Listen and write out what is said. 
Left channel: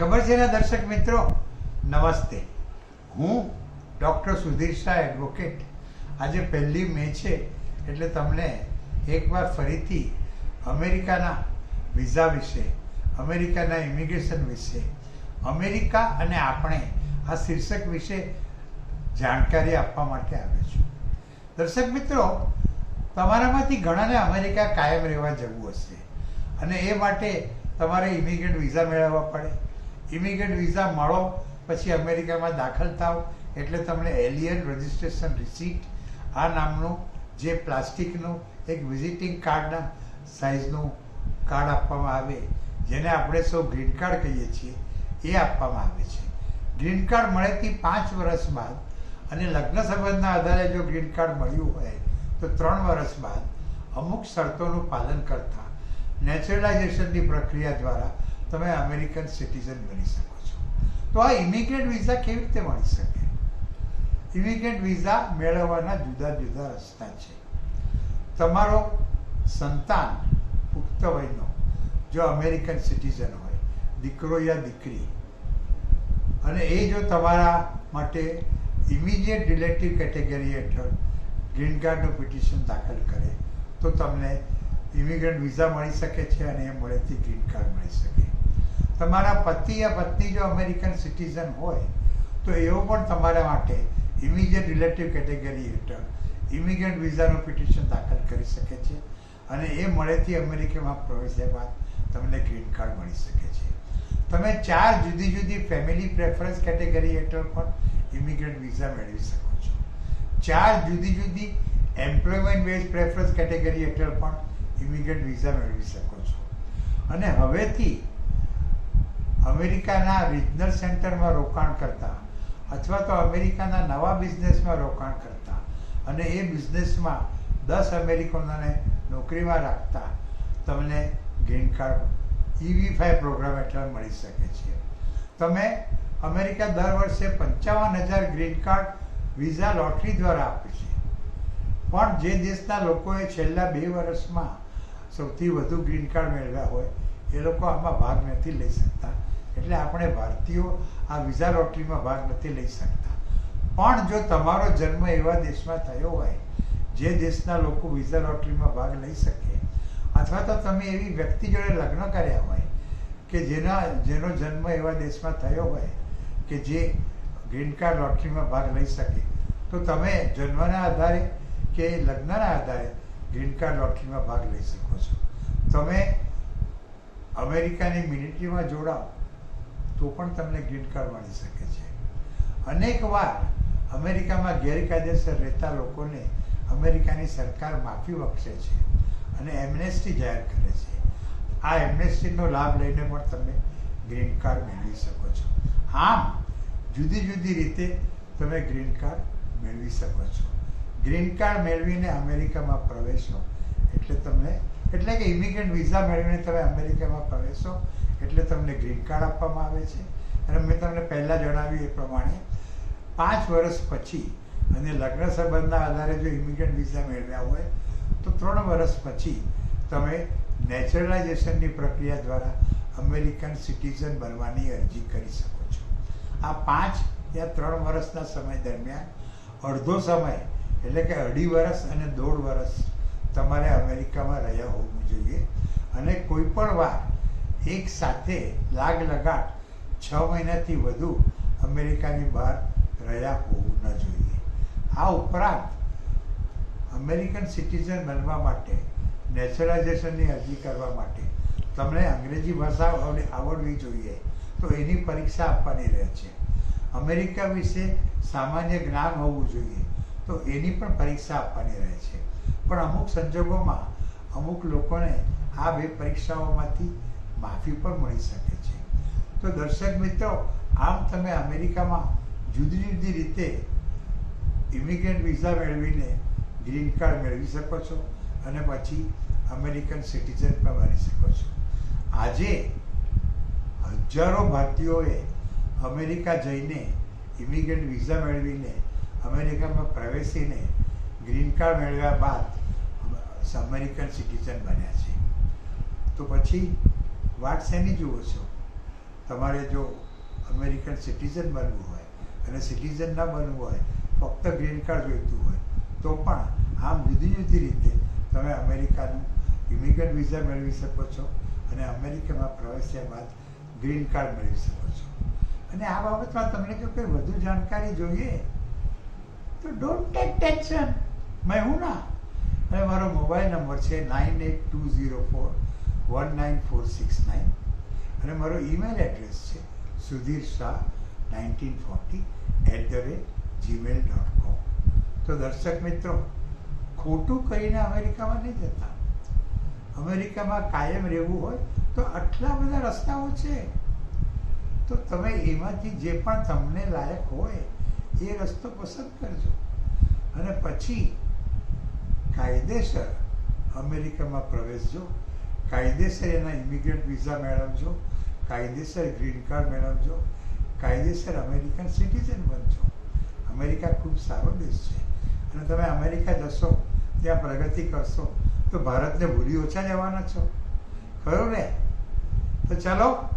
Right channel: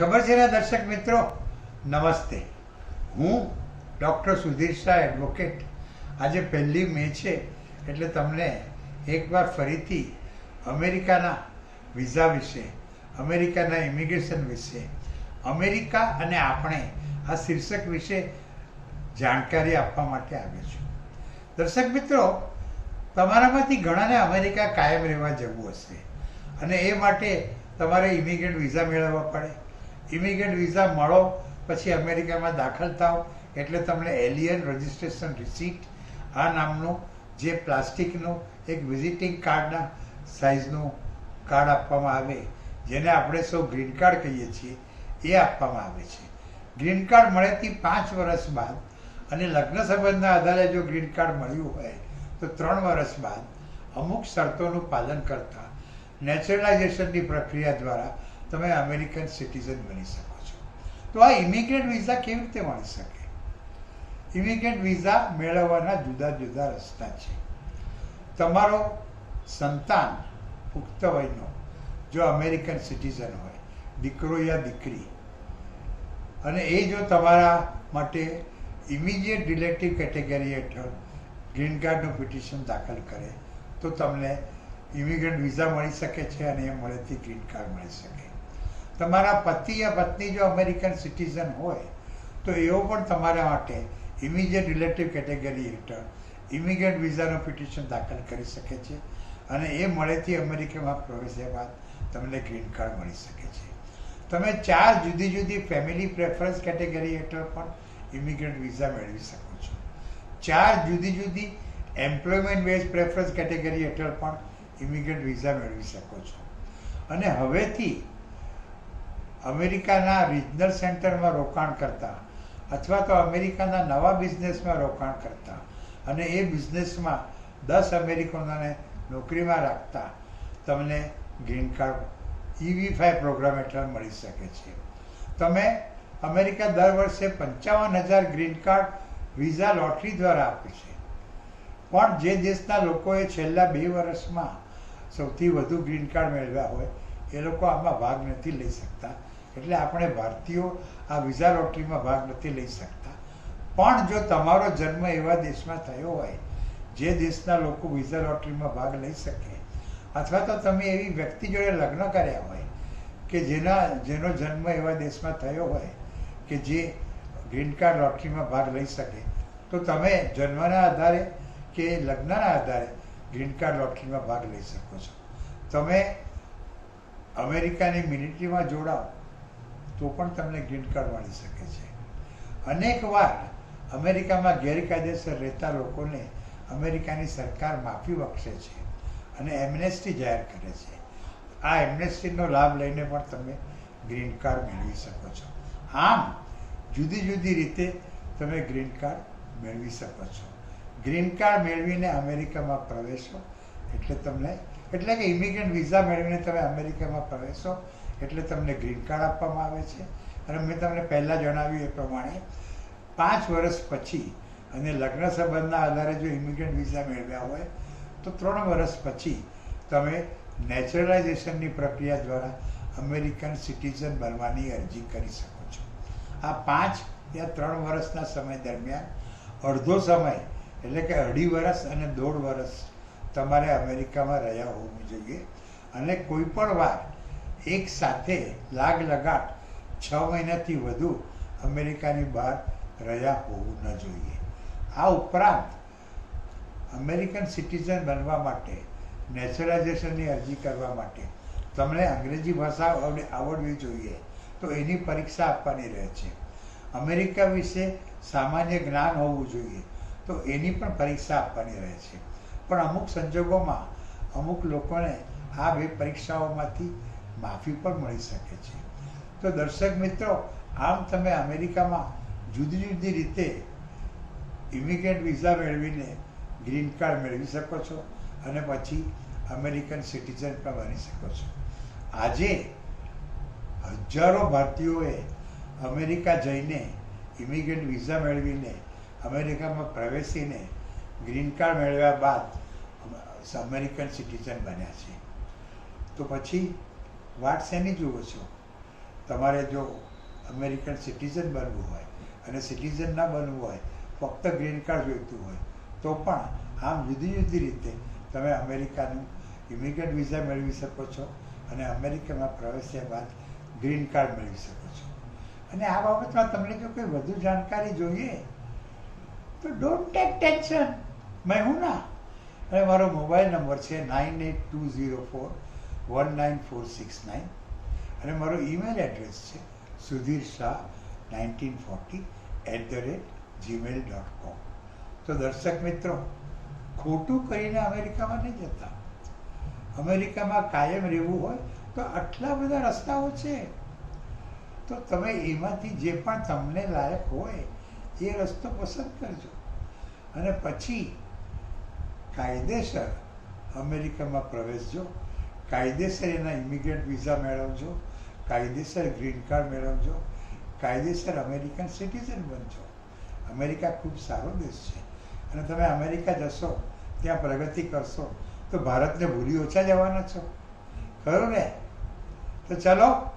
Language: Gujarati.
ખબર છે ને દર્શક મિત્રો, નમસ્તે. હું ડૉક્ટર સુધીર શાહ, એડવોકેટ. આજે 1 મે છે એટલે તમને એકવાર ફરીથી અમેરિકાના વિઝા વિશે, અમેરિકાના ઇમિગ્રેશન વિશે, અમેરિકા અને આપણે આ શીર્ષક વિશે જાણકારી આપવા માટે આવ્યો છું. દર્શક મિત્રો, તમારામાંથી ઘણાને અમેરિકા કાયમ રહેવા જવું હશે અને એ માટે તમારે ઇમિગ્રન્ટ વિઝા મેળવવા પડે. ઇમિગ્રન્ટ વિઝા મળો પછી અમેરિકામાં દાખલ થાવ એટલે તમને એલિયન રજિસ્ટ્રેશન રિસીટ આ નામનું જે પ્લાસ્ટિકનું એક વિઝિટિંગ કાર્ડના સાઇઝનું કાર્ડ આપવામાં આવે, જેને આપણે સૌ ગ્રીન કાર્ડ કહીએ છીએ, એ આપવામાં આવે છે. ગ્રીન કાર્ડ મળેથી 5 વર્ષ બાદ અને લગ્ન સંબંધના આધારે જો ગ્રીન કાર્ડ મળ્યું હોય તો 3 વર્ષ બાદ અમુક શરતોનું પાલન કરતા નેચરલાઇઝેશનની પ્રક્રિયા દ્વારા તમે અમેરિકન સિટીઝન બની શકો છો. તો આ ઇમિગ્રન્ટ વિઝા કેવી રીતે મળી શકે? ઇમિગ્રન્ટ વિઝા મેળવવાના જુદા જુદા રસ્તા છે. તમારો સંતાન પુખ્ત વયનો જો અમેરિકન સિટીઝન હોય, દીકરો યા દીકરી, અને એ જો તમારા માટે ઇમિડિયેટ રિલેટિવ કેટેગરી હેઠળ ગ્રીન કાર્ડનું પિટિશન દાખલ કરે તો તમને ઇમિગ્રન્ટ વિઝા મળી શકે છે અને એ મળેથી ગ્રીન કાર્ડ મળી શકે. તમારા પતિ યા પત્ની જો અમેરિકન સિટીઝન હોય તો એવો પણ તમારા માટે ઇમિડિયેટ રિલેટિવ કેટેગરી હેઠળ ઇમિગ્રન્ટ વિઝાનું પિટિશન દાખલ કરી શકે છે અને એ મળેથી અમેરિકામાં પ્રવેશ્યા બાદ તમને ગ્રીન કાર્ડ મળી શકે છે. તમે 4 જુદી જુદી ફેમિલી પ્રેફરન્સ કેટેગરી હેઠળ પણ ઇમિગ્રન્ટ વિઝા મેળવી શકો છો. 4 જુદી જુદી એમ્પ્લોયમેન્ટ બેઝ પ્રેફરન્સ કેટેગરી હેઠળ પણ ઇમિગ્રન્ટ વિઝા મેળવી શકો છો. અને હવેથી અમેરિકાના રિજનલ સેન્ટરમાં રોકાણ કરતા અથવા તો અમેરિકાના નવા બિઝનેસમાં રોકાણ કરતા અને એ બિઝનેસમાં 10 અમેરિકનોને નોકરીમાં રાખતા તમને ગ્રીન કાર્ડ EB-5 પ્રોગ્રામ હેઠળ મળી શકે છે. તમે અમેરિકા દર વર્ષે 55,000 ગ્રીન કાર્ડ વિઝા લોટરી દ્વારા આપે છે. પણ જે દેશના લોકોએ છેલ્લા 2 વર્ષમાં સૌથી વધુ ગ્રીન કાર્ડ મેળવ્યા હોય એ લોકો આમાં ભાગ નથી લઈ શકતા. એટલે આપણે ભારતીયો આ વિઝા લોટરીમાં ભાગ નથી લઈ શકતા. પણ જો તમારો જન્મ એવા દેશમાં થયો હોય જે દેશના લોકો વિઝા લોટરીમાં ભાગ લઈ શકે, અથવા તો તમે એવી વ્યક્તિ જોડે લગ્ન કર્યા હોય કે જેનો જન્મ એવા દેશમાં થયો હોય કે જે ગ્રીન કાર્ડ લોટરીમાં ભાગ લઈ શકે, તો તમે જન્મના આધારે કે લગ્નના આધારે ગ્રીન કાર્ડ લોટરીમાં ભાગ લઈ શકો છો. તમે અમેરિકાની મિલિટરીમાં જોડાઓ તો પણ તમને ગ્રીન કાર્ડ મળી શકે છે. અનેક વાર અમેરિકામાં ગેરકાયદેસર રહેતા લોકોને અમેરિકાની સરકાર માફી બક્ષે છે અને એમનેસ્ટી જાહેર કરે છે. આ એમનેસ્ટીનો લાભ લઈને પણ તમે ગ્રીન કાર્ડ મેળવી શકો છો. આમ જુદી જુદી રીતે તમે ગ્રીન કાર્ડ મેળવી શકો છો. ગ્રીન કાર્ડ મેળવીને અમેરિકામાં પ્રવેશો એટલે કે ઇમિગ્રન્ટ વિઝા મેળવીને તમે અમેરિકામાં પ્રવેશો એટલે તમને ગ્રીન કાર્ડ આપવામાં આવે છે. અને મેં તમને પહેલાં જણાવ્યું એ પ્રમાણે 5 વર્ષ પછી અને લગ્ન સંબંધના આધારે જો ઇમિગ્રન્ટ વિઝા મેળવ્યા હોય તો 3 વર્ષ પછી તમે નેચરલાઇઝેશનની પ્રક્રિયા દ્વારા અમેરિકન સિટીઝન બનવાની અરજી કરી શકો છો. આ 5 યા 3 વર્ષના સમય દરમિયાન અડધો સમય એટલે કે 2.5 વર્ષ અને 1.5 વર્ષ તમારે અમેરિકામાં રહ્યા હોવું જોઈએ. અને કોઈ પણ વાર એક સાથે લગાડ 6 મહિનાથી વધુ અમેરિકાની બહાર રહ્યા હોવું ન જોઈએ. આ ઉપરાંત અમેરિકન સિટીઝન બનવા માટે નેચરલાઇઝેશનની અરજી કરવા માટે તમને અંગ્રેજી ભાષા આવડવી જોઈએ, તો એની પરીક્ષા આપવાની રહે છે. અમેરિકા વિશે સામાન્ય જ્ઞાન હોવું જોઈએ, તો એની પણ પરીક્ષા આપવાની રહે છે. પણ અમુક સંજોગોમાં અમુક લોકોને આ 2 પરીક્ષાઓમાંથી માફી પણ મળી શકે છે. તો દર્શક મિત્રો, આમ તમે અમેરિકામાં જુદી જુદી રીતે ઇમિગ્રન્ટ વિઝા મેળવીને ગ્રીન કાર્ડ મેળવી શકો છો અને પછી અમેરિકન સિટીઝન પણ બની શકો છો. આજે હજારો ભારતીયોએ અમેરિકા જઈને ઇમિગ્રન્ટ વિઝા મેળવીને અમેરિકામાં પ્રવેશીને ગ્રીન કાર્ડ મેળવ્યા બાદ અમેરિકન સિટીઝન બન્યા છે. તો પછી વાટ શેની જુઓ છો? તમારે જો અમેરિકન સિટીઝન બનવું હોય અને સિટીઝન ના બનવું હોય, ફક્ત ગ્રીન કાર્ડ જોઈતું હોય, તો પણ આમ જુદી જુદી રીતે તમે અમેરિકાનું ઇમિગ્રન્ટ વિઝા મેળવી શકો છો અને અમેરિકામાં પ્રવેશ્યા બાદ ગ્રીન કાર્ડ મેળવી શકો છો. અને આ બાબતમાં તમને જો કોઈ વધુ જાણકારી જોઈએ તો ડોન્ટ ટેક ટેન્શન, મેં હું ના. અને મારો મોબાઈલ નંબર છે 9820419469 અને મારો ઈમેલ એડ્રેસ છે sudhirshah1940@gmail.com. તો દર્શક મિત્રો, ખોટું કહીને અમેરિકામાં નહીં જતા. અમેરિકામાં કાયમ રહેવું હોય તો આટલા બધા રસ્તાઓ છે. તો તમે એમાંથી જે પણ તમને લાયક હોય એ રસ્તો પસંદ કરજો અને પછી કાયદેસર અમેરિકામાં પ્રવેશજો, કાયદેસર એના ઇમિગ્રન્ટ વિઝા મેળવજો, કાયદેસર ગ્રીન કાર્ડ મેળવજો, કાયદેસર અમેરિકન સિટીઝન બનજો. અમેરિકા ખૂબ સારો દેશ છે અને તમે અમેરિકા જશો, ત્યાં પ્રગતિ કરશો તો ભારતને ભૂલી ઓછા જવાના છો, ખરું ને? તો ચાલો